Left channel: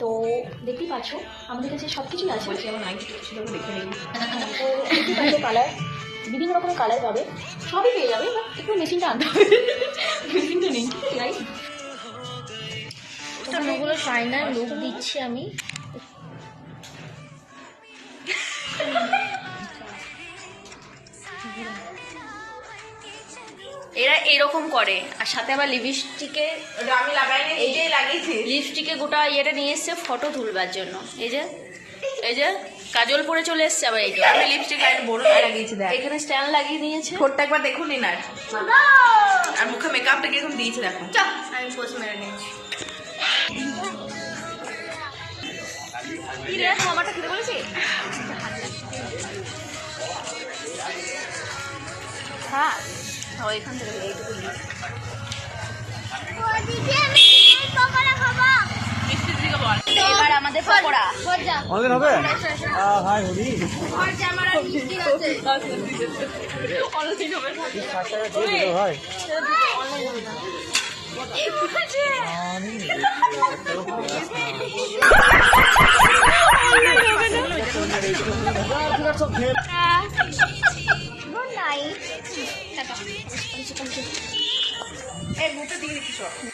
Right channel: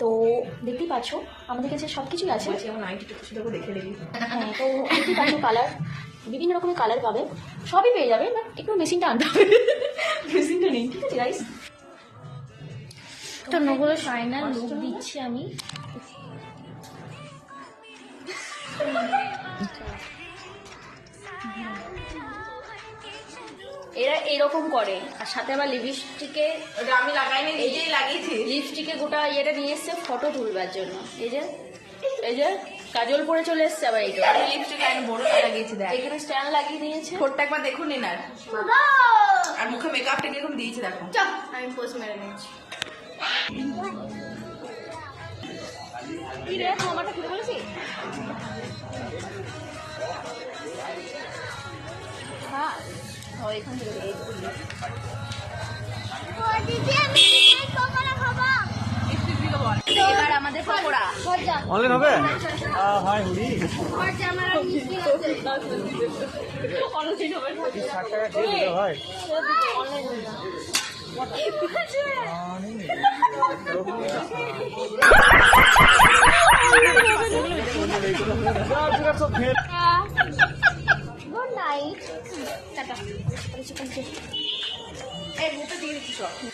তো দেখতেই পাচ্ছ আমাদের কাছে সব কিছুই আছে। দেখে নেবি। তো দেখতেই পাচ্ছ কালার, বিভিন্ন রকমের কালার পাবে, সবই পেয়ে যাবে। বাট একটু মেশিনটা আনতে হবে, মেশিনটা নেই। ঠিক আছে গাইস, টোনগুলো ফাইনাল লুক দিচ্ছি আমি। এরা এরকম করে, আর সাথে আবার লিপস্টিকে, আমি লাগাইনি, নিজেই লাগিয়েছি। লিপস্টিকে গোটা ইয়েটা নিয়ে এসছে ফটো তুলবার জন্য। এই যে এই যে কাজল পরে চলে এসছে আবার। এই যে আমি লিপস্টিক লাইন বড় লাগিয়েছি, দেখ এখানে স্ট্যান্ড লাগিয়ে দিয়েছে। ঠোঁটটা একবার দেখুন না। আর মুখে মেকআপটা কিরকম দিয়েছি দেখো। আমি পোস্ট মেরে নিয়েছি। আমারটা খেতে বলেছি। হ্যাঁ এখান থেকে এইটুকু মিষ্টির দিকে বল। এবার আমাদের পকোড়া অনলাইন হবে? Good night.